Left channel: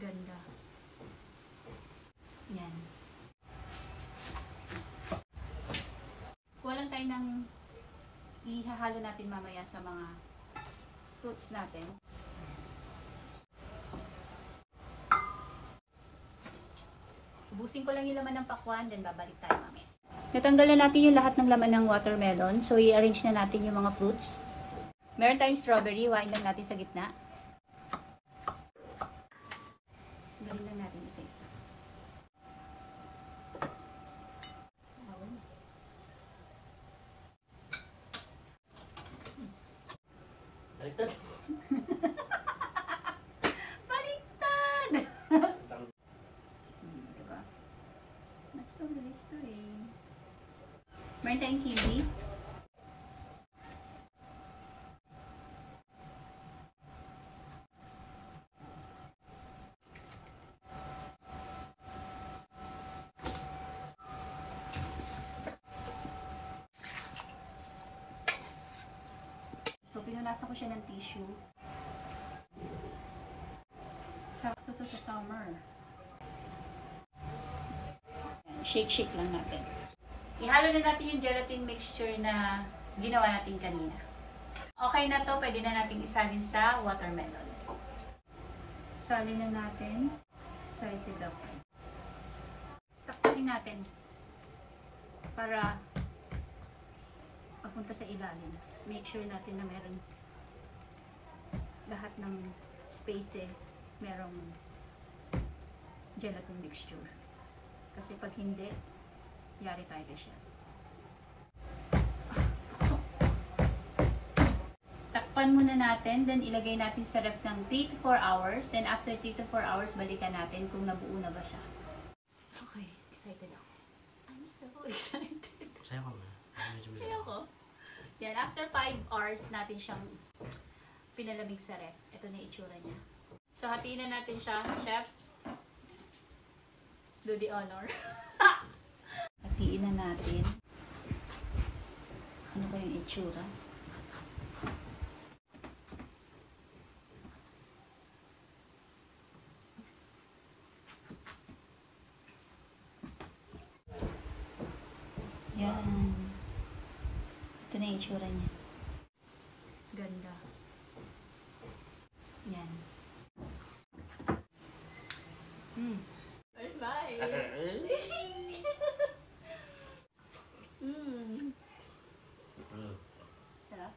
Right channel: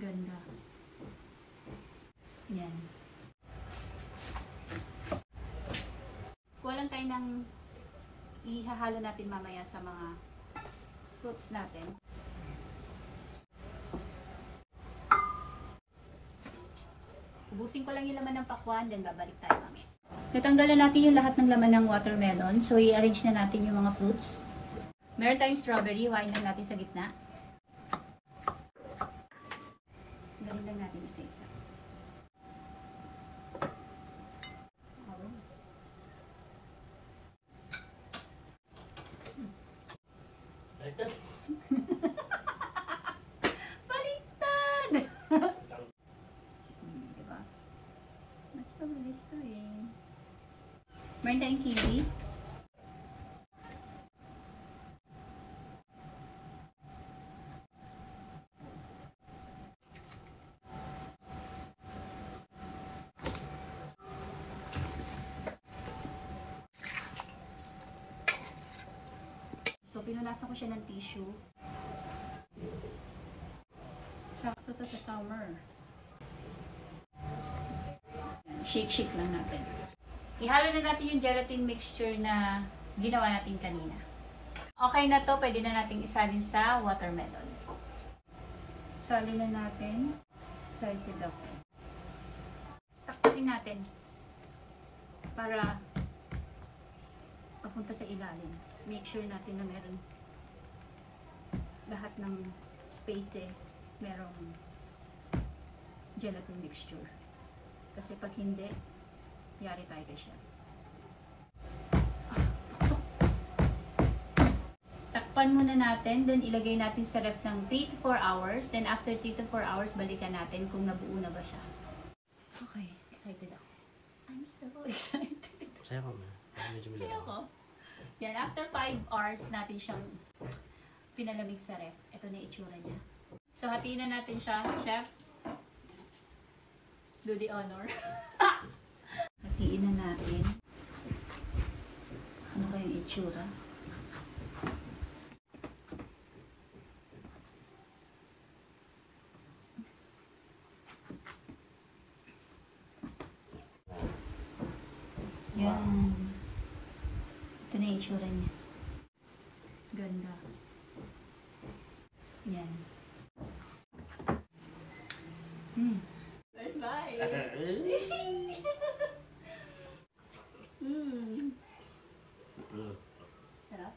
Ganda. Yan. Kuha lang tayo ng ihahalo natin mamaya sa mga fruits natin. Ubusin ko lang yung laman ng pakwan, then babalik tayo mamaya. Natanggalan natin yung lahat ng laman ng watermelon. So, i-arrange na natin yung mga fruits. Meron tayong strawberry. Wain lang natin sa gitna. Galing lang natin isa-isa. Baliktad! Diba? Mas pabilis to eh. Meron tayong kiwi. So, pinunasan ko siya ng tissue. Sakto to sa summer. Shake-shake lang natin. Ihalo na natin yung gelatin mixture na ginawa natin kanina. Okay na to, pwede na natin isalin sa watermelon. Salin na natin. Excited ako. Takpakin natin para papunta sa ilalim. Make sure natin na meron lahat ng space merong gelatin mixture. Kasi pag hindi, yari tayo siya. Takpan muna natin, then ilagay natin sa ref ng 3 to 4 hours. Then after 3 to 4 hours, balikan natin kung nabuo na ba siya. Okay, excited ako. I'm so excited. Saya ko ma. Kaya ko. Yan, after 5 hours natin siyang pinalamig sa ref. Ito na itsura niya. So, hatiin na natin siya, chef. Do the honor. Hatiin na natin. Ano kayang itsura? Yan. Ito na yung itsura niya. Ganda. Yan. Where's mine? Sarap?